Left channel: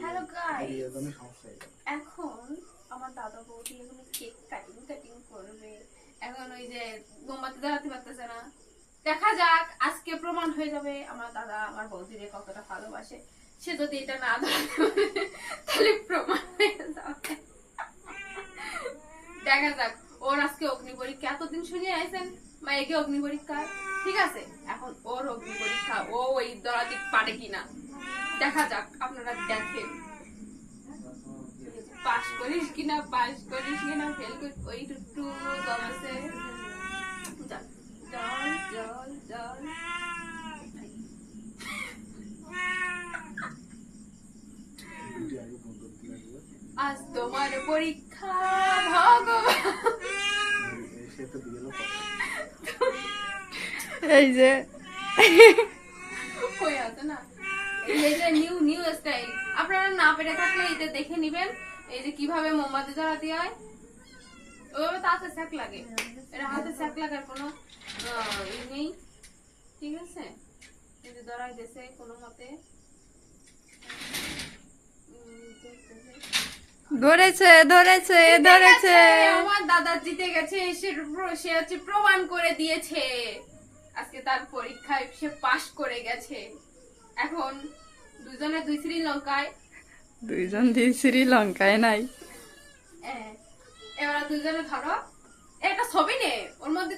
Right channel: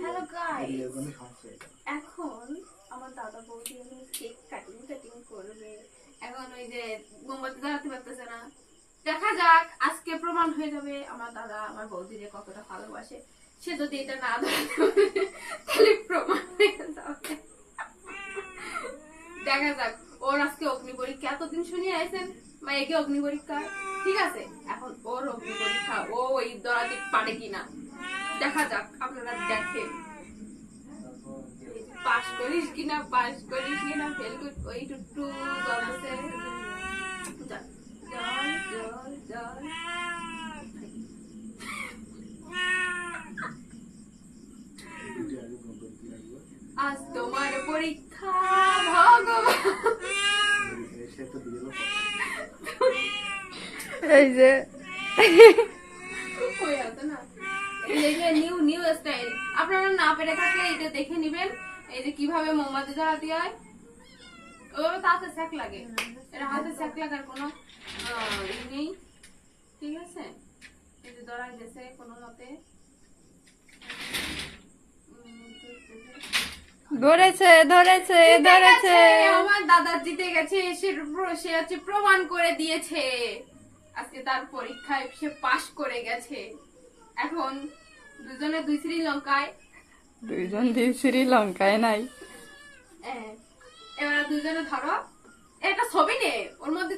Hello guys, এখন আমার দাদা বৌদি এখন কেক কাটিং করবে। এখন ওই যে মোমবাতি জ্বালাতে পারতেছে না, দেখা যাক আজকে প্রমাণ হয়ে যাবে আমার দাদা আমার বৌদিরে কতটা ভালোবাসে। সে যদি এটা না ধরাতে পারে তাহলে প্রমাণ হয়ে যাবে। দেখা যাক। ওর আজকে অগ্নি পরীক্ষা, এতদিন শুনিয়ে আইছেন মায়েকে অগ্নি পরীক্ষা, ঠিক আছে, এখন ওর অগ্নি পরীক্ষা, ও ওই দরাতে পারে কিনা দেখা যাক। আপনারা দেখেন পাস করিস কিনা ফেল করিস, ওই টুটু জলছে। জল জল জল আজ তোমার পরীক্ষা ভগবান। এই যে ওই আছে না, এই যে নিউ স্টাইল। আপনারা না পেরে থাকলে এটা দেখে নিবেন, এই যে কিভাবে মোমবাতি জ্বালাতে হয়। ওইভাবে তো হাতে স্যাক লাগে, এটা হাতে স্যাক লাগার কোনো ই নেই, ঠিক আছে। এই যে ধরাই দিয়েছে কোনো মতে, ধরেছে ধরেছে ধরেছে। আমার দাদা জিতে গেছে, সে হচ্ছে প্রমাণ করে দিয়েছে আজকে তার পরীক্ষায় সে পাশ করে গেছে। এখন দুজনে দুই শ্রীলঙ্কায়, দুইজন দুই শ্রীলঙ্কায় নাই। এবার দুজনে ধরো একটা ছবি নে, ওর মধ্যে